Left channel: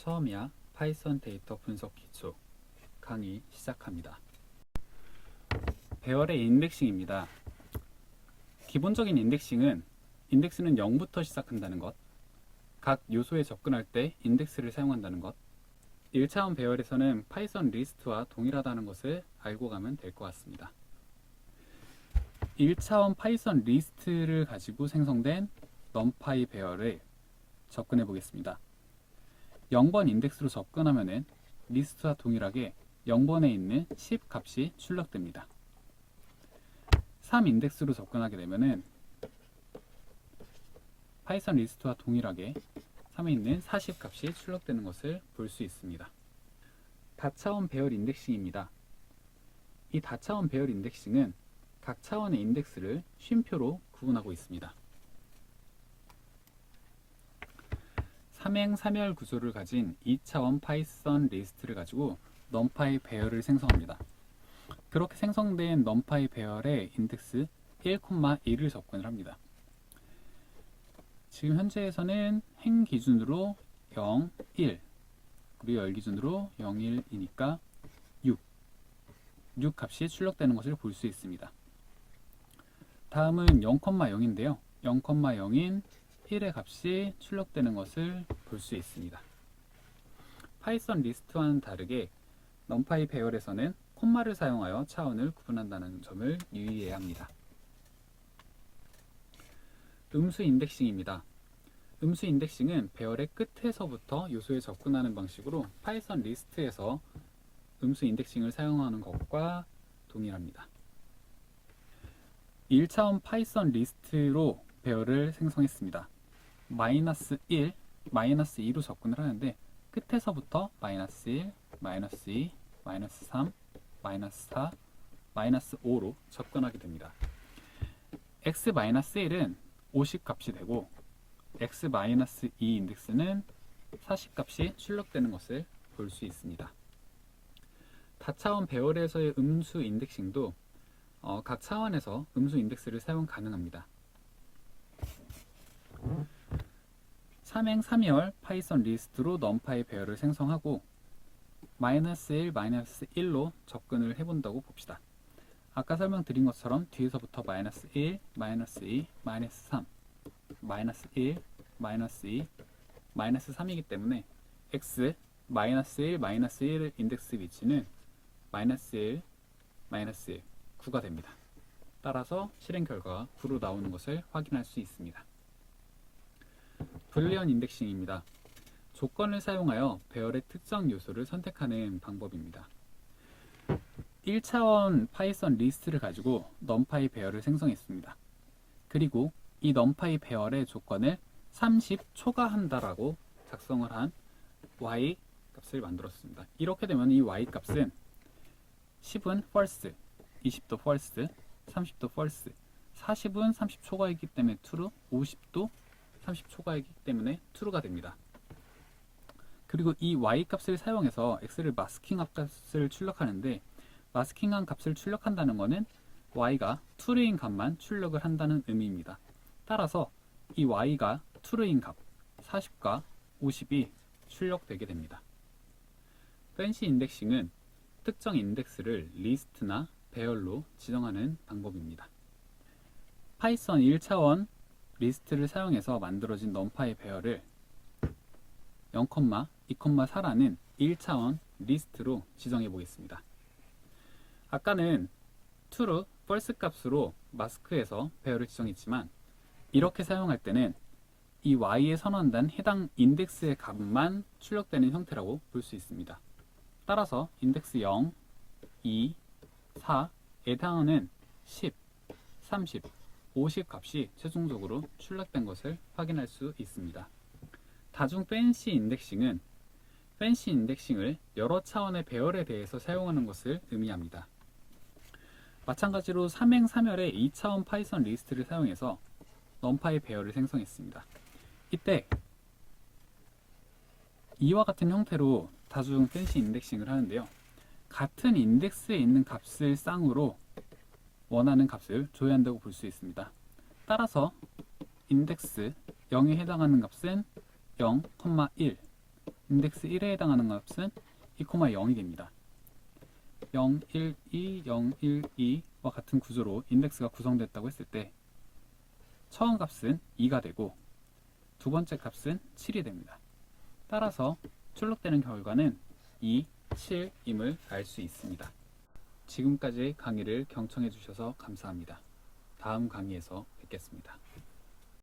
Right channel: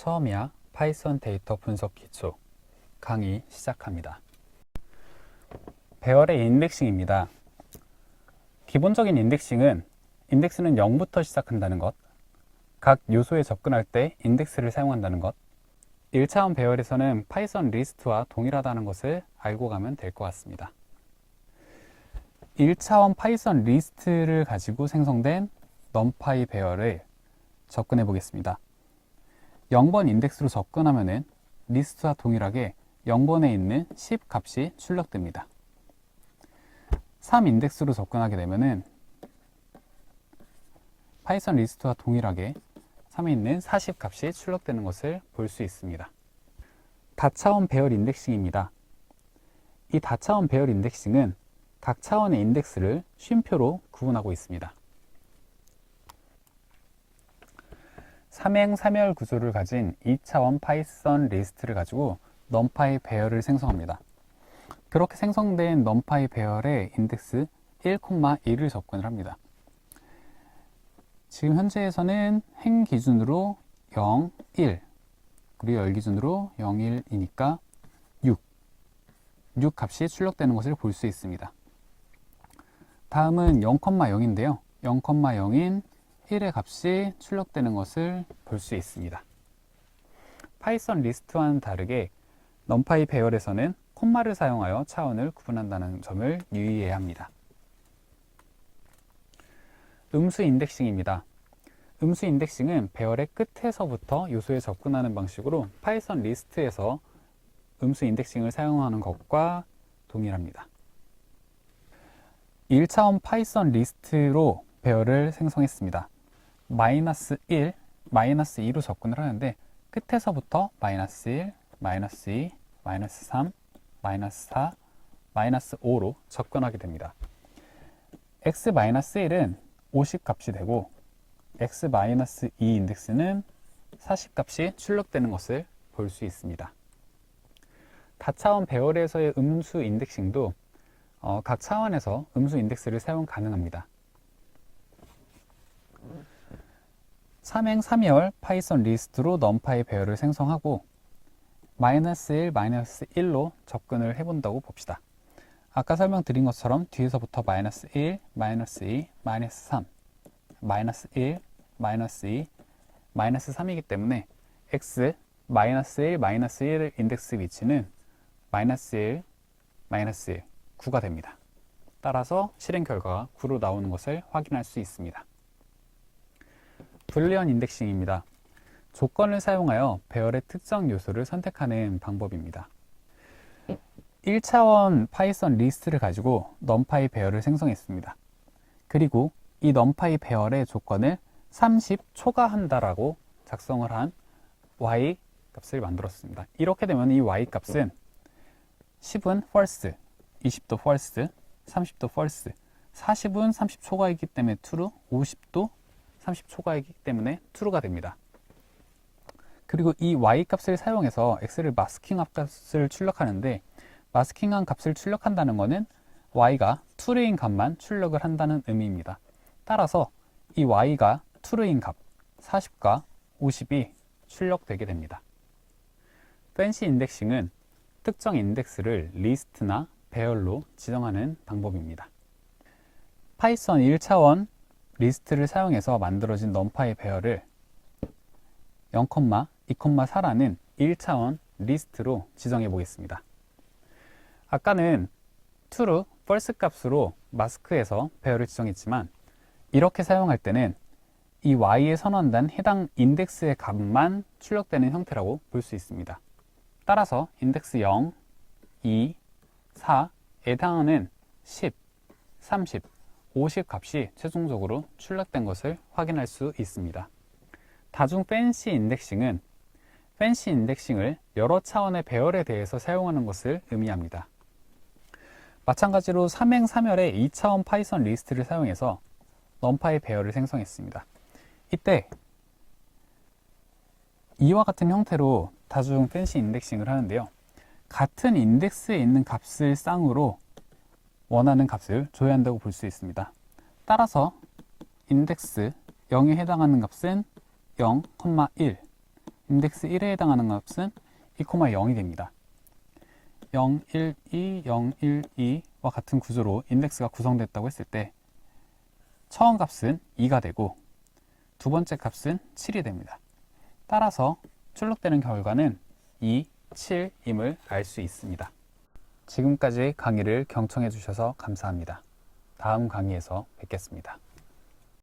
처음이야 파이썬 데이터 분석 기초 강의 시작합니다. 배열의 인덱싱입니다. 기본적인 인덱싱은 인덱스는 0부터 시작한다는 것, 각 요소에 접근할 때 인덱스를 사용한다는 것, 1차원 배열에서는 파이썬 리스트와 동일하다는 것을 알고 가면 될 것 같습니다. 1차원 파이썬 리스트를 가지고 생성된 numpy 배열을 접근해 보겠습니다. 0번 인덱스로 접근하면은 리스트와 동일하게 0번에 있는 10 값이 출력됩니다. 3 인덱스로 접근하게 되면은 파이썬 리스트와 동일하게 3에 있는 40 값이 출력되는 것을 볼 수 있습니다. 다차원 배열 인덱싱입니다. 이 다차원 배열 인덱싱은 각 차원의 인덱스를 쉼표로 구분하고 있습니다. 삼행 삼열 구조를 가진 2차원 파이썬 리스트를 가지고 numpy 배열을 생성합니다. 그렇게 생성된 numpy 배열의 인덱스 1,2를 접근을 합니다. 지금 현재에서는 행 기준으로 0, 1, 그리고 열 기준으로 0, 1이니까 6, 6 값이 출력되는 것을 볼 수 있습니다. 다음은 0,0인데요. 0,0인 1의 값이 출력되는 것을 볼 수 있습니다. 파이썬 리스트와는 다르게 numpy 배열에서는 콤마를 사용하여 차원을 구분한다는 점을 유의해야 합니다. 음수 인덱싱입니다. 음수 인덱싱은 배열의 끝에서부터 요소에 접근하는 방식으로 파이썬 리스트에서 음수 인덱싱을 사용하는 것과 동일합니다. 1차원 파이썬 리스트로 배열을 생성했습니다. 마이너스 1, 마이너스 2로 접근을 하는데 끝에서부터 마이너스 1, 마이너스 2, 마이너스 3, 마이너스 4, 마이너스 5로 접근하게 됩니다. x 마이너스 1은 50 값이 되고 x 마이너스 2 인덱스는 40 값이 출력되는 것을 볼 수 있습니다. 다차원 배열에서의 음수 인덱싱도 어, 각 차원에서 음수 인덱스를 사용 가능합니다. 3행 3열 파이썬 리스트로 numpy 배열을 생성하고 마이너스 1, 마이너스 1로 접근을 해본다고 봅시다. 아까 설명드린 것처럼 뒤에서부터 마이너스 1, 마이너스 2, 마이너스 3, 마이너스 1, 마이너스 2, 마이너스 3이기 때문에 x 마이너스 1, 마이너스 1의 인덱스 위치는 마이너스 1, 마이너스 1, 9가 됩니다. 따라서 실행 결과가 9로 나오는 것을 확인할 수 있습니다. 불리언 인덱싱입니다. 조건을 사용하여 배열의 특정 요소를 선택하는 방법입니다. 1차원 파이썬 리스트를 가지고 numpy 배열을 생성했습니다. 그리고 이 numpy 배열의 조건을 30 초과한다라고 작성을 한 y 값을 만들었습니다. 이렇게 되면 이 y 값은 10은 false, 20도 false, 30도 false, 40은 30 초과이기 때문에 true, 50도 30 초과이기 때문에 true가 됩니다. 그리고 이 y 값을 사용해서 x를 마스킹 값을 출력하는데 마스킹한 값을 출력한다는 것은 y가 true인 값만 출력을 한다는 의미입니다. 따라서 이 y가 true인 값 40과 50이 출력되게 됩니다. 팬시 인덱싱은 특정 인덱스를 리스트나 배열로 지정하는 방법입니다. 파이썬 1차원 리스트를 사용해서 만들어진 numpy 배열을 0, 2, 4라는 1차원 리스트로 지정해 보겠습니다. 아까는 true, false 값으로 마스크에서 배열을 지정했지만 이렇게 사용할 때는 이 y에 선언된 해당 인덱스의 값만 출력되는 형태라고 볼 수 있습니다. 따라서 인덱스 0, 2, 4에 해당하는 10, 30, 50 값이 최종적으로 출력된 것을 확인할 수 있습니다. 다중 팬시 인덱싱은 팬시 인덱싱을 여러 차원의 배열에 대해서 사용하는 것을 의미합니다. 마찬가지로 3행 3열의 2차원 파이썬 리스트를 사용해서 numpy 배열을 생성했습니다. 이때 이와 같은 형태로 다중 팬시 인덱싱을 하는데요. 같은 인덱스에 있는 값을 쌍으로 원하는 값을 줘야 한다고 볼 수 있습니다. 따라서 인덱스 0에 해당하는 값은 0,1, 인덱스 1에 해당하는 값은 2,0이 됩니다. 0, 1, 2, 0, 1, 2와 같은 구조로 인덱스가 구성됐다고 했을 때 처음 값은 2가 되고 두 번째 값은 7이 됩니다. 따라서 출력되는 결과는 2, 7임을 알 수 있습니다. 지금까지 강의를 경청해 주셔서 감사합니다. 다음 강의에서 뵙겠습니다.